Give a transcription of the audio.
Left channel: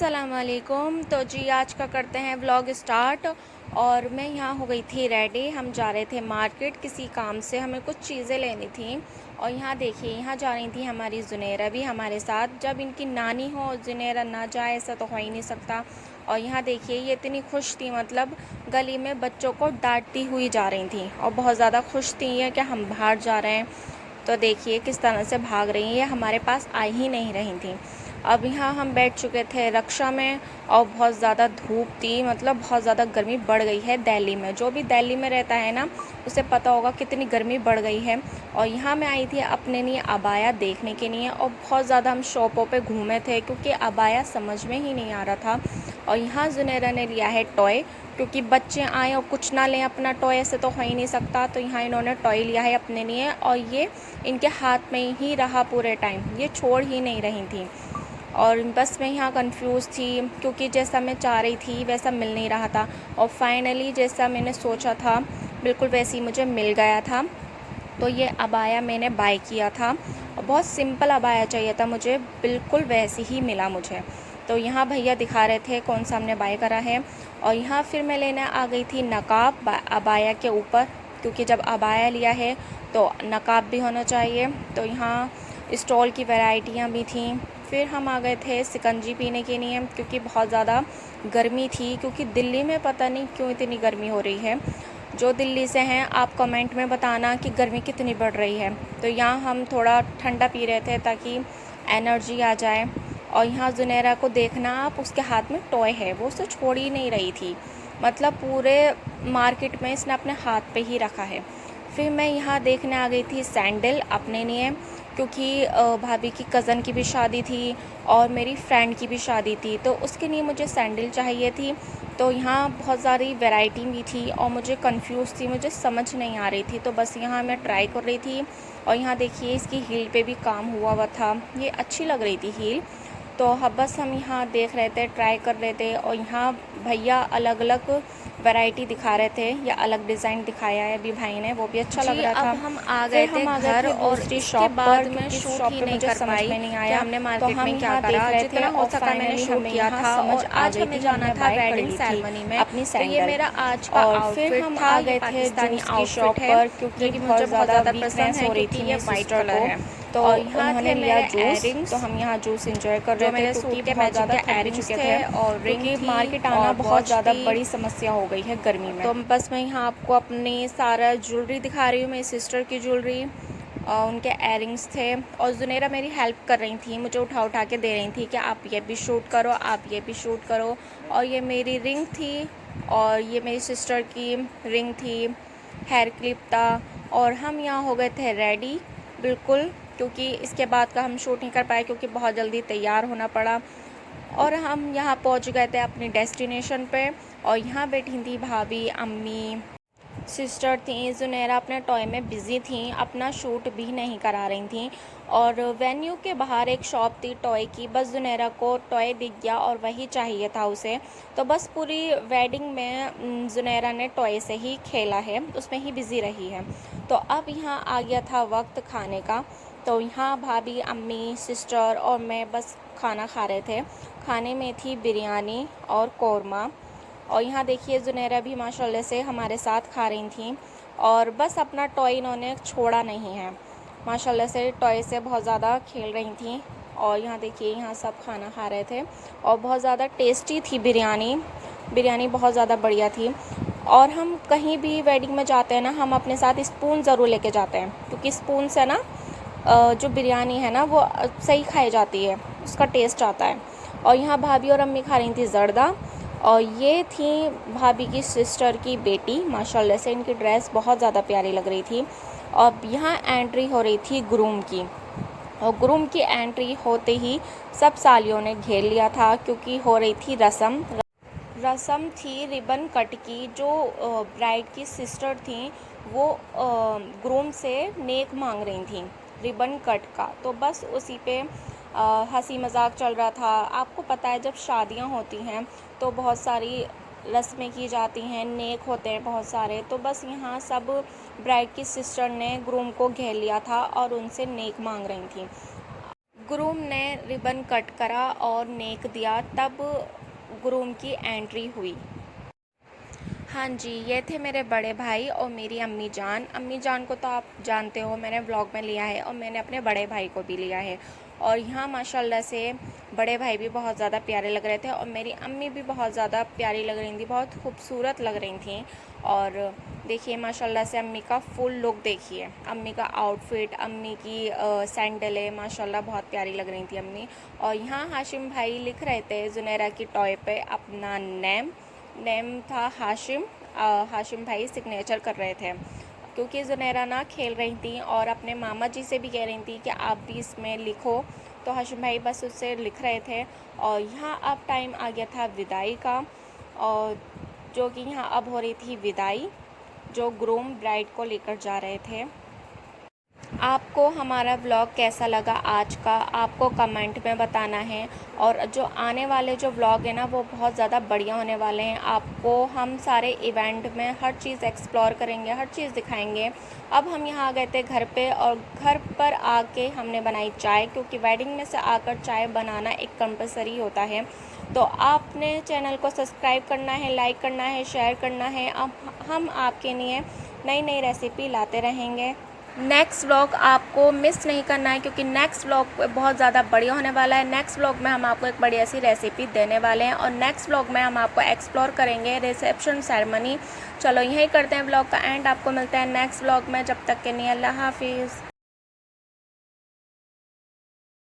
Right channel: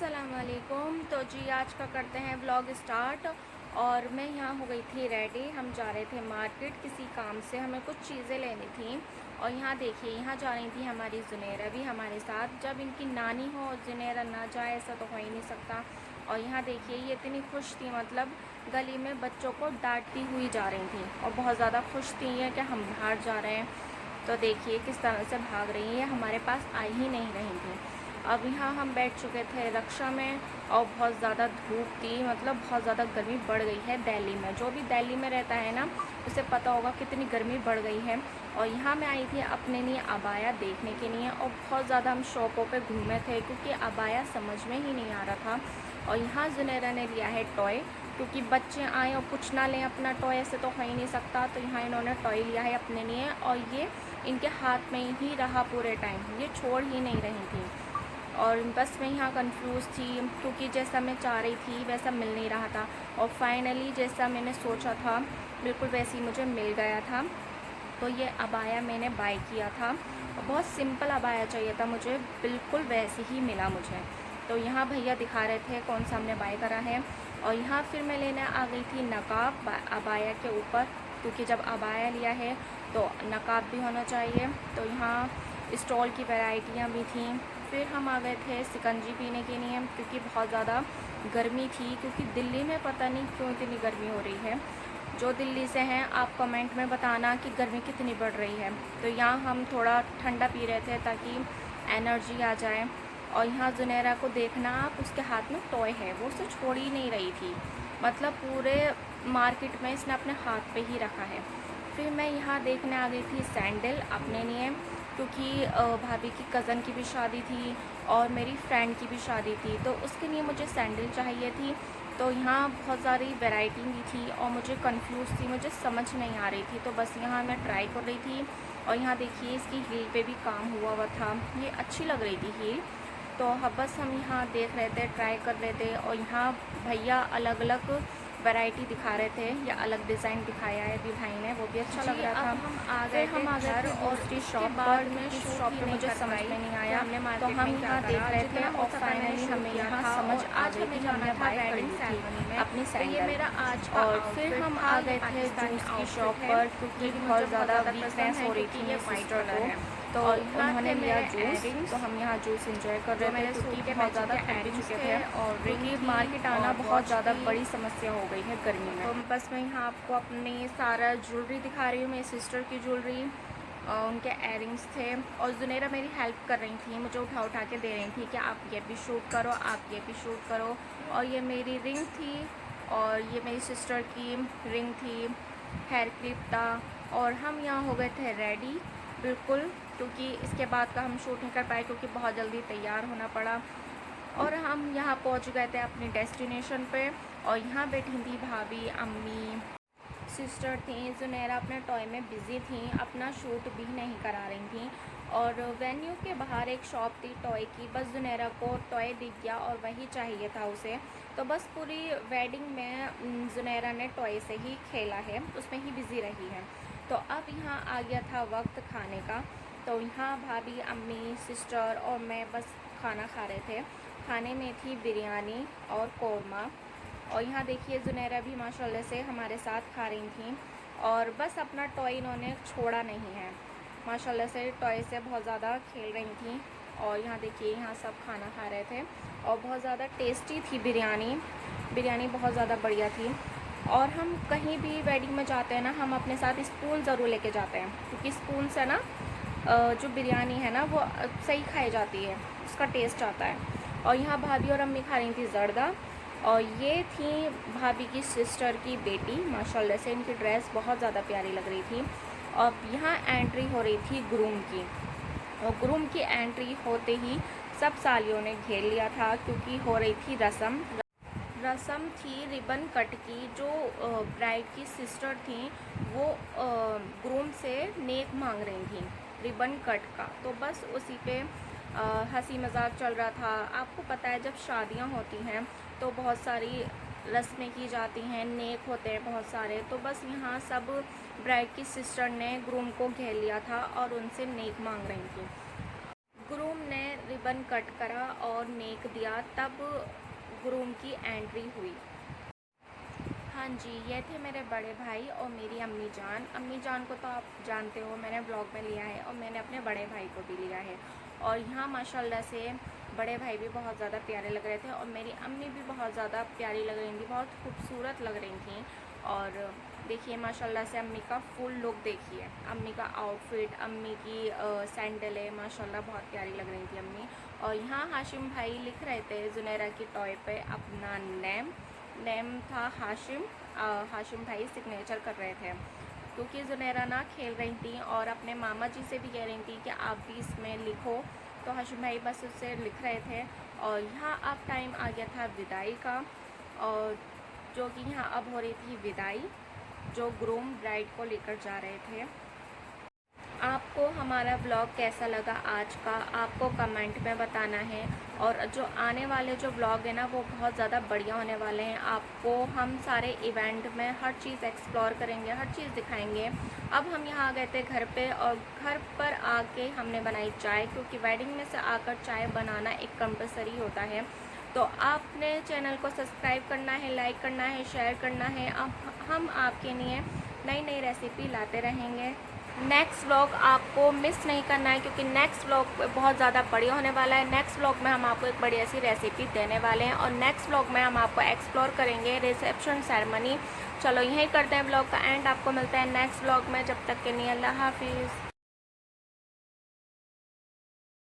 अस्सलाम वालेकुम। तो जी आज का करते हैं व्लॉग स्टार्ट। और मैं यहाँ हो गई थी रेडी। हम जा रहे थे मार्केट किसी काम से, हमें कुछ चीज़ें लेनी थी। और यहाँ देखिए, यहाँ जा रही थी हमारी जुनैरा भी हमारे साथ। जब इनकी नानी हो जुनैरा ना जाए ऐसा तो हो ही नहीं सकता। और यहाँ देखिए ये इतनी खुश थी, मतलब गली में बच्चों को डांटती हुई जा रही थी और बहुत ज़्यादा खुश थी ये कि हम बाहर जा रहे हैं। तो देखिए किस तरह से भाग रही हैं, हमारे पास आ ही नहीं रही थी। अब यहाँ हम बैठ चुके थे रक्षा में और बहुत ज़्यादा धूप थी, मतलब बहुत ज़्यादा गर्मी बढ़ गई है दिल्ली में। जो भी दिल्ली में रहता है ना उसे पता होगा कितनी गर्मी बढ़ गई है। और यहाँ मैं आई थी अपने लिए अबाया देखने के लिए, और बहुत ज़्यादा हम शॉपों पे घूमे थे क्योंकि अबाया समझ में ही नहीं आ रहा था। और यहाँ जुनैरा ने लिया है टॉय, क्योंकि बच्चे आए और कुछ ना लें अपना टॉय से तो हो ही नहीं सकता। तो यहाँ इन्होंने टॉय लिया है अपने लिए और ये इनके हाथ में ही रहा पूरे टाइम, ये छोड़ ही नहीं रही थी। और बस मैं यहाँ कंफ्यूज थी क्योंकि जैसा मैं चाह रही थी वैसा मिल नहीं रहा था। और फाइनली जैसा मैंने सोचा था बिल्कुल वैसे ही मुझे मिल गया था। तो ये अबाया मैंने बाय किया था और बहुत सिंपल अबाया चाहिए था मुझे, बिल्कुल वैसे ही मिला मुझे। तो यहाँ भैया दिखा रहे थे कौन सा हमने बाय करा है। और यहाँ फिर मैं लेने आ गई थी नकाब अबाया के ऊपर, क्योंकि जब अबाया लिया है तो नकाब भी होना चाहिए। तो यहाँ स्टॉल की वैरायटियाँ भी थीं। फिर हम आ गए थे शिकंजी पीने के लिए क्योंकि बहुत ज़्यादा गर्मी थी, क्योंकि दिल्ली में पता नहीं क्यों इतनी गर्मी हो रही है। जो दिल्ली से हैं आप कमेंट में बताना कि गर्मी कितनी बढ़ रही है। तो यहाँ हम थोड़ा ठंडा पी रहे थे ताकि एनर्जी आ जाए। और यहाँ जुनैरा को देखना आप, उसके हाथ में टॉय है, वो उसे छोड़ ही नहीं रही थी, मतलब पूरे मार्केट में इसने अपने हाथ पे ही रखा है। फिर मैं यहाँ देखने आ गई थी सैंडल अपने लिए, क्योंकि भाभी की कज़न की भी शादी थी और मेरी फ्रेंड की भी शादी थी, तो उसके लिए मुझे सैंडल चाहिए थी। तो यहाँ बहुत सारी वैरायटी भी थी और मुझे कंफ्यूज थी, मुझे समझ नहीं आ रही थी। तो बस यहाँ मैं ट्राई कर रही थी। और यहाँ देखिए इसकी हील पे भी काम हुआ था, ये अच्छी लग रही थी हील। तो अब बस हम यहाँ देख रहे थे, ट्राई कर रहे थे। और यहाँ भैया अलग अलग वैरायटी दिखा रहे थे या अलग डिज़ाइन दिखाया है अभी भाई ने, वो भी अच्छा लग रहा था। अब हम आ गए फिर थे हम आ गए घर थे और दूसरी इसके शॉप बाद पर, मैं क्योंकि इस शूट शॉप ही पे नहीं मुझे कर समझ पाई में नहीं कि आया। हमने तो मार्केट हम में क्या यहाँ देख करा। रहे थे जितना हो और सका मैंने फाइनली शूट हमें किया यहाँ था। समझ और आ आज गई हमें थी, जाना हमने था बाय कर वेडिंग ली थी सेरेमनी में, अपनी तो ये सैंडल। मेरा आज का और फिर आउटफिट हम था। आ ये गए थे पाकिस्तानी जूस की शॉप आउटफिट है पर, जो क्योंकि कि बहुत मुझे बहुत ज़्यादा ज़्यादा पसंद वीकनेस है हो रही क्योंकि थी ये मेरी वाइट सिस्टर कलर को। है। तो और यहाँ उन्होंने थे लिया मेरे जूस, तो एयरिंग्स हम यहाँ जूस इंजॉय कर जो रहे थे मेरे क्योंकि सूट के बहुत मैचिंग ज़्यादा के थक भी एयरिंग्स चुके थे, थे, और रिंग क्योंकि थी मार्केट आना और बहुत वॉच ज़्यादा थी। बड़ी समस्या हो गई है गर्मी में। तो बस मैं यहाँ आपको अपनी सारा ज्वेलरी दिखा रही हूँ, मेरी सिस्टर की ज्वेलरी और उनके एयरिंग्स थे। और जुनैरा मेरी हेल्प कर रही थी, मुझे उठा उठा के दे रही थी कि आप ये भी शूट करो, आप ये भी शूट करो। और ये मेरी रिंग थी और ये मेरी सिस्टर की रिंग थी, हेयर क्लिप था। और हम यहाँ हो गए थे रेडी बिल्कुल, क्योंकि इसके बाद का हम शूट नहीं कर पाए क्योंकि बहुत जल्दी तैयार होना पड़ा। और हम यहाँ पहुँच गए थे अपनी डेस्टिनेशन पे। और यहाँ बैठी थी भाभी, अम्मी, सिस्टर थी। जुनैरा अपने टॉय में बिज़ी थी, अपना शूट भी नहीं करा रही थी। और वेन्यू के बाहर एक शॉप थी टॉय की, बस जुनैरा को टॉय दिख गया और वही चाहिए था उसे। तो बस पूरी वेडिंग में जुनैरा ने टॉय से ही खेला है, उसमें ही बिज़ी रही है। तो अब यहाँ आ गया था वक्त खाने का। तो यहाँ भाभी, अम्मी, सिस्टर और मैं बस खाना खा रहे थे। खाने में थी बिरयानी और कौरमा। और यहाँ देखिए जुनैरा भी माशाल्लाह से हमारे साथ खा रही थी। और बस अपना टॉय इन्होंने छोड़ा नहीं है, माशाल्लाह से टॉय से बहुत ज़्यादा खेल रही थी। और यहाँ देखिए यहाँ सब खाना खा रहे थे और बहुत ज़्यादा टेस्टी थी बिरयानी, बिरयानी बहुत ज़्यादा बढ़िया थी। और हम कहीं भी वेडिंग में जाते हैं ना, हम अपने साथ स्पून ज़रूर लेके जाते हैं, क्योंकि स्पून से ना जो बिरयानी है ना वो सही खाई जाती है, उसका टेस्ट आता है। और यहाँ भाभी और अम्मी खा रही थी जर्दा। और ये थी भाभी की सिस्टर की बेटी, माशाल्लाह से इनकी ड्रेस बहुत ज़्यादा प्यारी लग रही थी। अब यहाँ एंट्री हो रही थी ग्रूम की, और ग्रूम की एंट्री होते ही सब सालियों ने घेर लिया था, क्योंकि हो रही थी रस्म। रस्म थी रिबन कट की। जो ब्राइड की सिस्टर थी वो ग्रूम से नेक मांग रही थी रिबन कट का। तो बस उसी पे हंसी मजाक चल रहा था। आपको पता है जब शादियां होती हैं तो बहुत सारी रस्में की जाती हैं, नेक होते हैं बहुत सारे। तो बस यहाँ सब ब्राइड की सिस्टर ने ग्रूम को घेर लिया था और उनसे नेक मांग रही थी। ग्रूम ने रिबन कट करा और नेक दिया, तब ग्रूम की एंट्री हुई। हाँ जी, ये थे मेरे बड़े भाई और मेरी अम्मी जान। अम्मी जान को तो आप जानते हो, मैंने व्लॉग में लिया है और मैंने अपने बड़े भाई को भी लिया है। और यहाँ माशाल्लाह से बड़े भाई भी बहुत ज़्यादा प्यारे लग रहे थे और मेरी अम्मी भी बहुत ज़्यादा प्यारी लग रही थी, बहुत खूबसूरत लग रही थी। और देखिए माशाल्लाह से अम्मी का फुल लुक देखिए, अम्मी का आउटफिट, अम्मी की सैंडलें माशाल्लाह बहुत प्यारी लग रही थी अम्मी। और यहाँ हाशिम भाई लिख रहे थे ज़ुनैरा की टॉय पे अपना नेम था हाशिम। हाशिम भाई सिग्नेचर कर रहे थे क्योंकि ज़ुनैरा ना खेल रही थी और अपने मामा जी से भी कह रही थी कि आप भी इसमें लिखो, तो हाशिम भाई बस उससे लिख रहे थे। और यहाँ अब टाइम आ गया था विदाई का, और जो कि यहाँ अब हो रही थी विदाई, जो ग्रूम ब्राइड को लेकर जा रहे थे। आपको हमारा व्लॉग कैसा लगा आज का, आपको कमेंट में बताना है। और जो आने वाले जो व्लॉग है ना, वो बहुत ज़्यादा बढ़िया होने वाले हैं। आपको हम सारे इवेंट में हर चीज़ एक्सप्लोर करेंगे, हर चीज़ दिखाएंगे। अब हम यहाँ आ गए थे घर पे, और घर पर आके हमने बनाई चाय, क्योंकि वेडिंग में से आकर चाय बनाना एक कंपलसरी होता है। तो आपने चैनल को सब्सक्राइब करना है, लाइक करना है, शेयर करना है। अब हम आपके लिए नई नई रेसिपी लाते रहेंगे। नेक्स्ट व्लॉग आपको मिस नहीं करना है, क्योंकि नेक्स्ट व्लॉग बहुत ज़्यादा बढ़िया होने वाला है। नेक्स्ट व्लॉग में हम आपको एक बढ़िया सी रेसिपी देने वाले हैं, और नेक्स्ट व्लॉग में हम आपको एक्सप्लोर करेंगे रिसेप्शन सेरेमनी। चलो यहीं करते हैं व्लॉग का एंड, आपको मिलता है नेक्स्ट व्लॉग में। जब तक के लिए अल्लाह हाफिज़।